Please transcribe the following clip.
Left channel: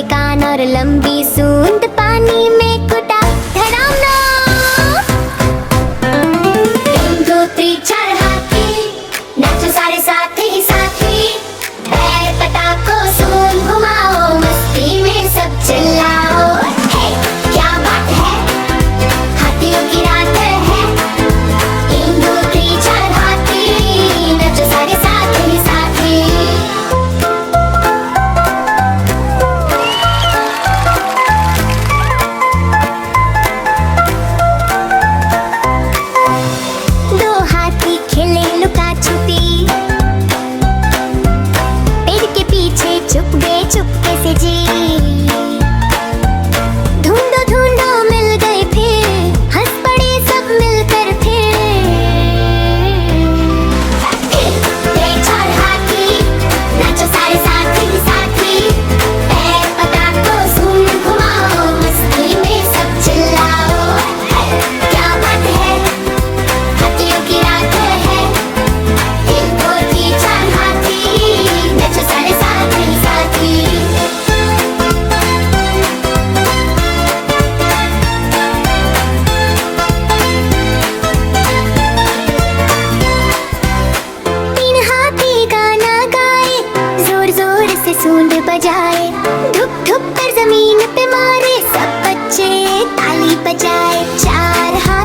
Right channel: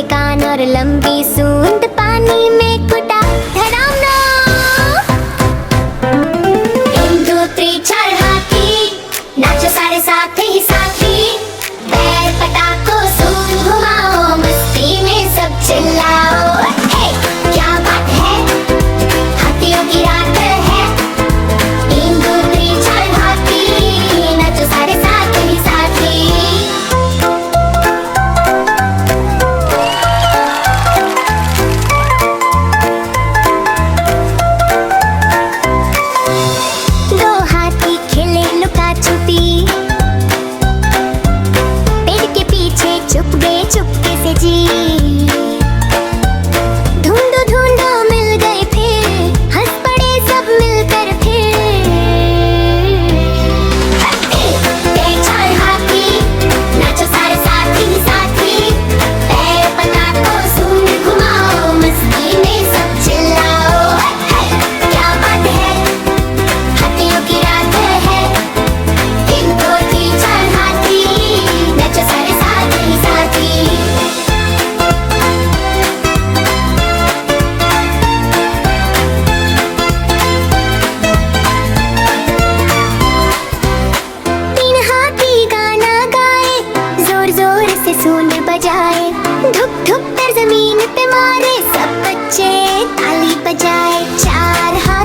बड़े कान और लंबी सूंड, पानी में कुटा धड़ामना। 1 2 3 4 हाथी, नाचो सारे साथ ही साथी। पैर पटाको सूंड घुमाओ, मस्ती में सब चिल्लाओ। हे क्या बात है, हाथियों की रात है। 1 2 3 4 हाथी, नाचो सारे साथ ही साथी। दो हाथी खेले लुका छुपी, पेड़ के पीछे छुप गए चुपके से जी। ढूंढो ढूंढो मिल गए फिर, हंस पड़े सब मिलकर फिर। 1 4 हाथी, नाचो सारे साथ ही साथी। पैर पटाको सूंड घुमाओ, मस्ती में सब चिल्लाओ। क्या बात है, हाथियों की रात है। 1 2 3 4 हाथी, नाचो सारे साथ ही साथी। तीन हाथी गाना गाए, जोर जोर से सूंड बजाए। धुप धुप कर जमीन पे मारे, सब बच्चे ताली बजाए। 4 हाथी